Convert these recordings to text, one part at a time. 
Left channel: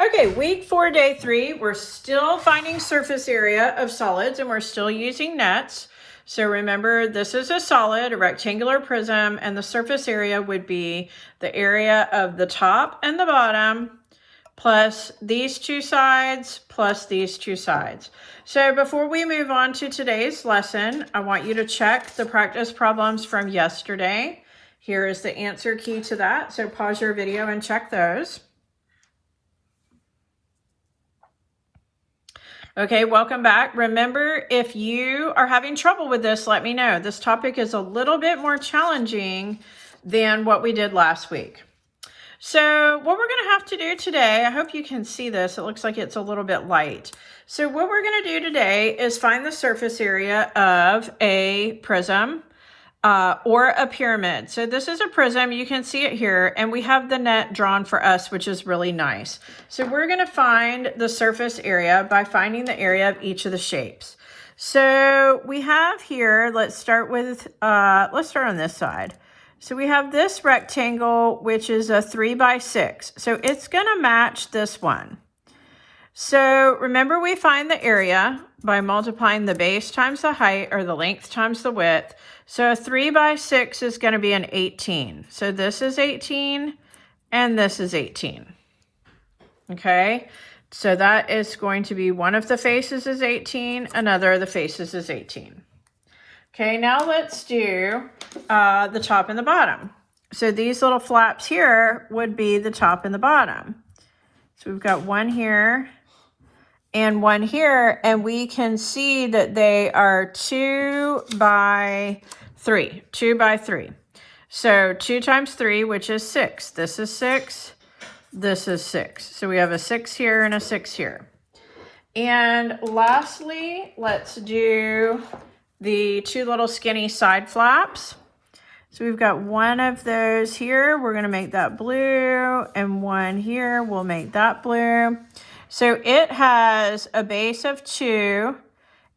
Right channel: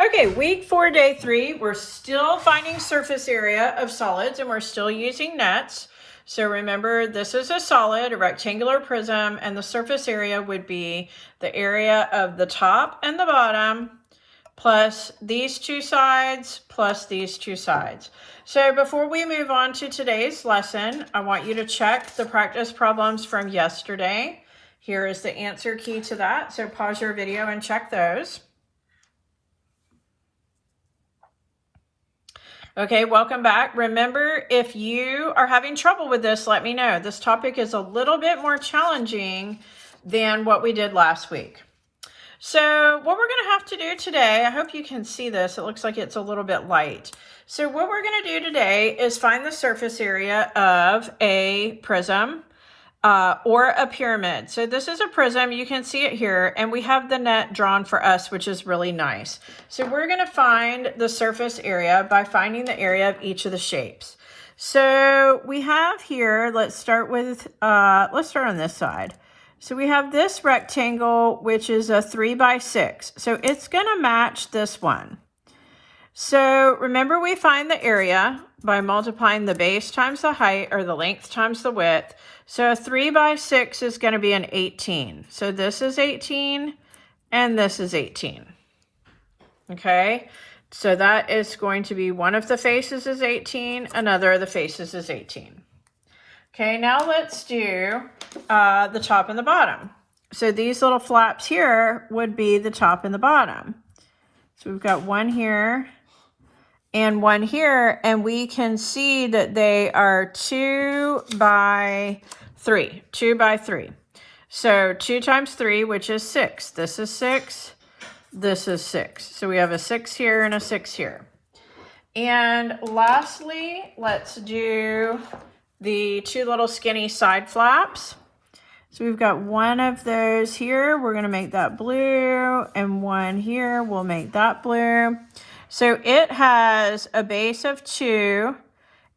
Okay, week 4, day 3, we're still finding surface area of solids and we're still using nets. So remember, this is a solid, a rectangular prism, and the surface area would be the area of the top and the bottom plus these two sides plus these two sides. So before we move on to today's lesson, I want you to check the practice problems from yesterday. Here is the answer key to that. So pause your video and check those. Okay, welcome back. Remember, if you are having trouble with this, let me know. This topic is a little bit more challenging than what we did last week. So what we're going to have to do today, I hope you can see this. It looks like it's a little bit light. So what we're going to do today is find the surface area of a prism or a pyramid. So this is a prism, you can see it here, and we have the net drawn for us, which is really nice. So we're going to find the surface area by finding the area of each of the shapes. So we have here, let's start on this side. So we have this rectangle, which is a 3 by 6. So it's going to match this one. So remember, we find the area by multiplying the base times the height, or the length times the width. So a 3 by 6 is going to be an 18. So this is 18 and this is 18. Okay, so that is going to be one of the faces is 18, another of the faces is 18. Okay, now let's do the top and the bottom. So these little flaps here would be the top and the bottom. So we've got one here and one here, and we can see that they are 2 by 3, 2 by 3. So 2 times 3, which is 6. This is 6, this is 6. So we have a 6 here and a 6 here. And lastly, let's do the 2 little skinny side flaps. So we've got one of those here, we're going to make that blue, and one here, we'll make that blue. So it has a base of 2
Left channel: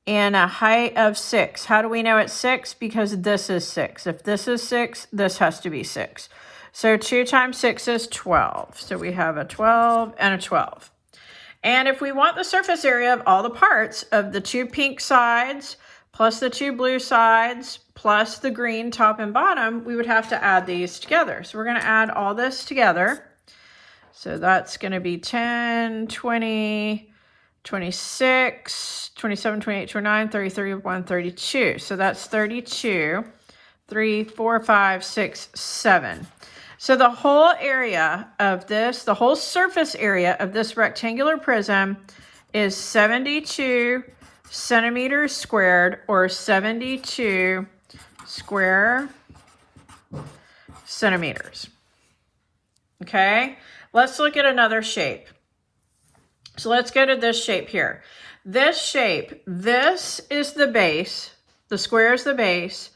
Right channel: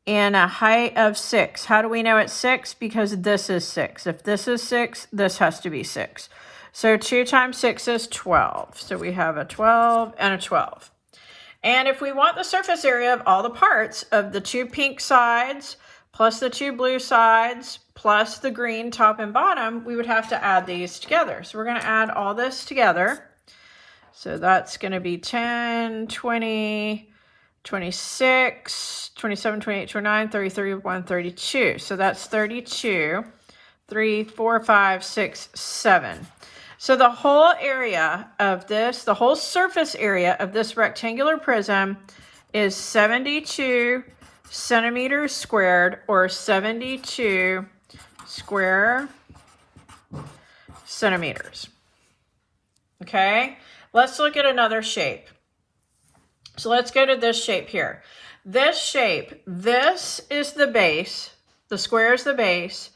and a height of 6. How do we know it's 6? Because this is 6. If this is 6, this has to be 6. So 2 times 6 is 12. So we have a 12 and a 12. And if we want the surface area of all the parts of the 2 pink sides plus the 2 blue sides plus the green top and bottom, we would have to add these together. So we're going to add all this together. So that's going to be 10, 20, 26, 27, 28, 29, 30, 31, 32. So that's 32, 3, 4, 5, 6, 7. So the whole area of this, the whole surface area of this rectangular prism is 72 centimeters squared, or 72 square centimeters. Okay, let's look at another shape. So let's go to this shape here. This shape, this is the base, the square is the base.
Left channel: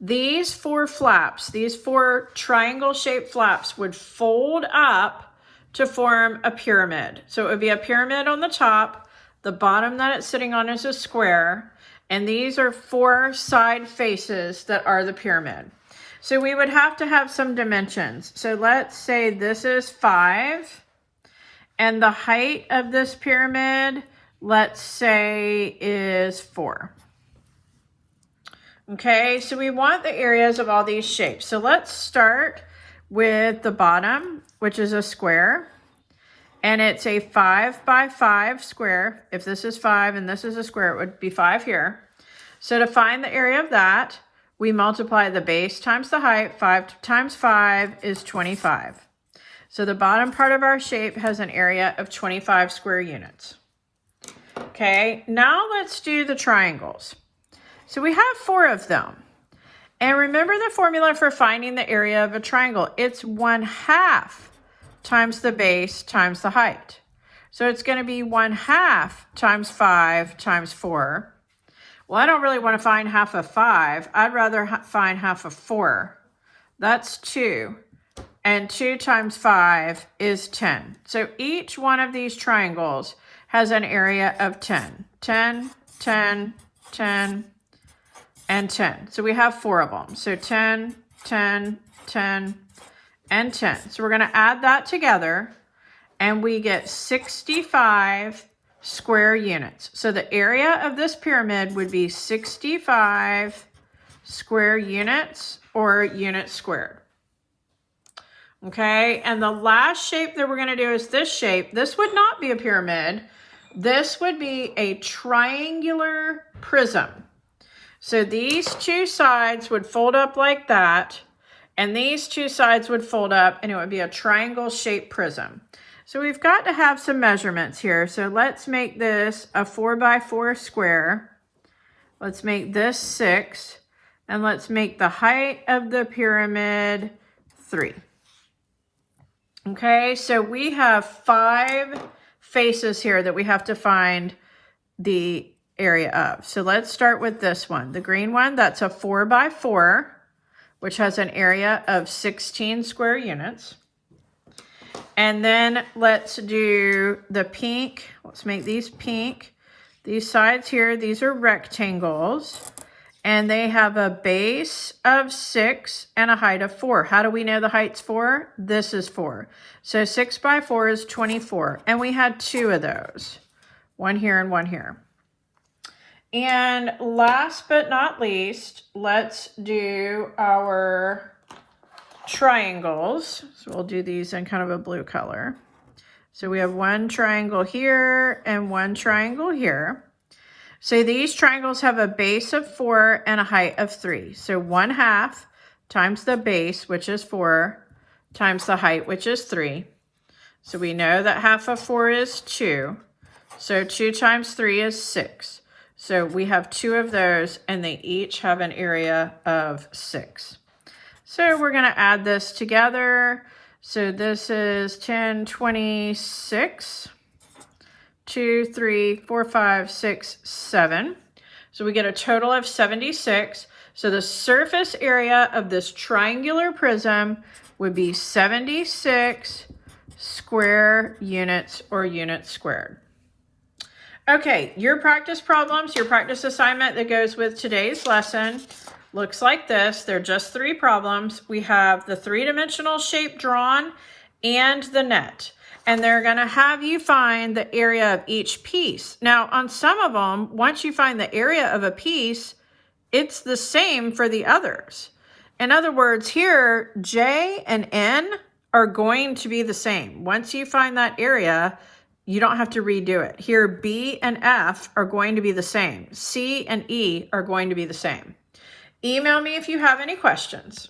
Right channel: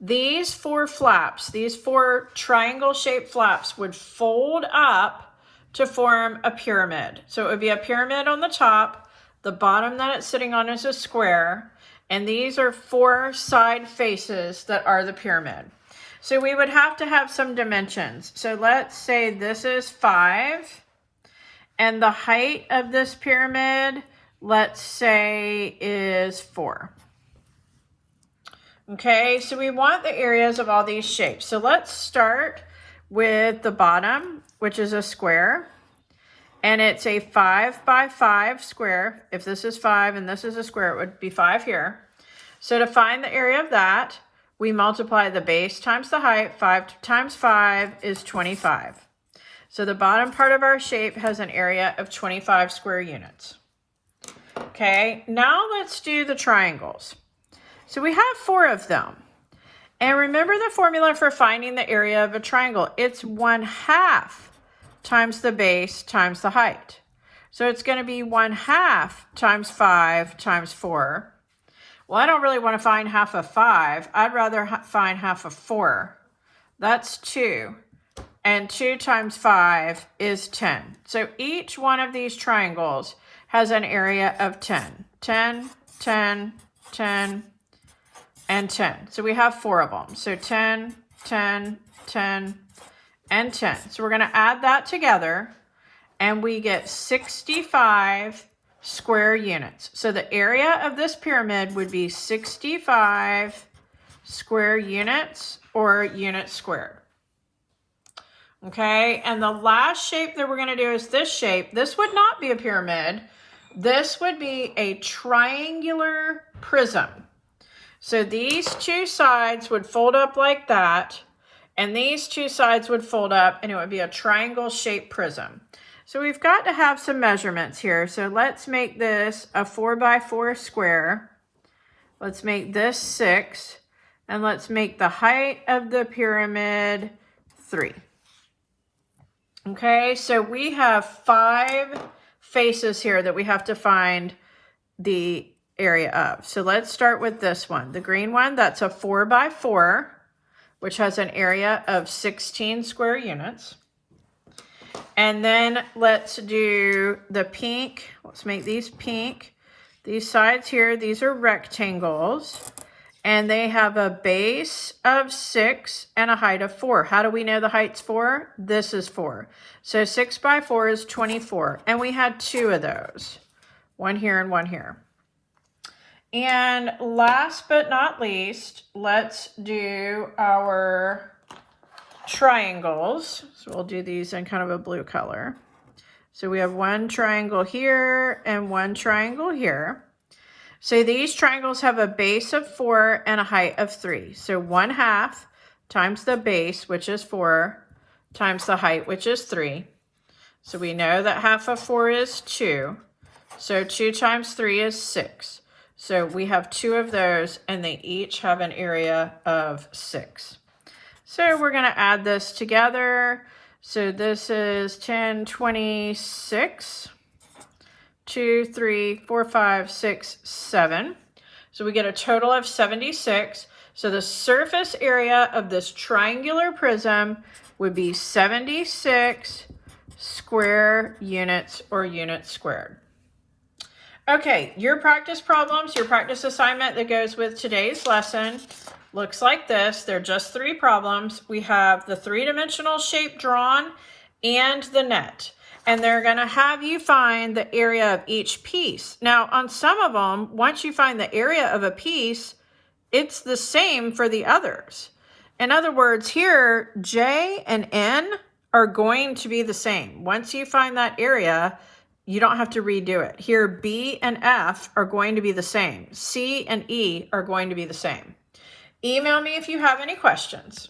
These 4 flaps, these 4 triangle shaped flaps would fold up to form a pyramid. So it would be a pyramid on the top. The bottom that it's sitting on is a square, and these are 4 side faces that are the pyramid. So we would have to have some dimensions. So let's say this is 5, and the height of this pyramid, let's say, is 4. Okay, so we want the areas of all these shapes. So let's start with the bottom, which is a square. And it's a 5 by 5 square. If this is 5 and this is a square, it would be 5 here. So to find the area of that, we multiply the base times the height. 5 times 5 is 25. So the bottom part of our shape has an area of 25 square units. Okay, now let's do the triangles. So we have 4 of them. And remember the formula for finding the area of a triangle. It's 1/2 times the base times the height. So it's going to be 1/2 times 5 times 4. Well, I don't really want to find half of 5. I'd rather find half of 4. That's 2. And 2 times 5 is 10. So each one of these triangles has an area of 10. 10, 10, 10, and 10. So we have 4 of them. So 10, 10, 10, and 10. So we're going to add that together, and we get 65 square units. So the area of this pyramid would be 65 square units or units squared. Okay, and the last shape that we're going to do is this shape. This would not be a pyramid. This would be a triangular prism. So these two sides would fold up like that, and these two sides would fold up, and it would be a triangle shaped prism. So we've got to have some measurements here. So let's make this a 4x4 square. Let's make this 6, and let's make the height of the pyramid 3. Okay, so we have 5 faces here that we have to find the area of. So let's start with this one. The green one, that's a 4x4, which has an area of 16 square units. And then let's do the pink. Let's make these pink. These sides here, these are rectangles. And they have a base of 6 and a height of 4. How do we know the height's 4? This is 4. So 6 by 4 is 24. And we had 2 of those. One here and one here. And last but not least, let's do our triangles. So we'll do these in kind of a blue color. So we have one triangle here and one triangle here. So these triangles have a base of 4 and a height of 3. So 1/2 times the base, which is 4, times the height, which is 3. So we know that half of 4 is 2. So 2 times 3 is 6. So we have 2 of those, and they each have an area of 6. So we're going to add this together. So this is 10, 26. 2, 3, 4, 5, 6, 7. So we get a total of 76. So the surface area of this triangular prism would be 76 square units or units squared. Okay, your practice problems, your practice assignment that goes with today's lesson looks like this. They're just 3 problems. We have the 3-dimensional shape drawn and the net. And they're going to have you find the area of each piece. Now, on some of them, once you find the area of a piece, it's the same for the others. In other words, here, J and N are going to be the same. Once you find that area, you don't have to redo it. Here, B and F are going to be the same. C and E are going to be the same. Email me if you have any questions.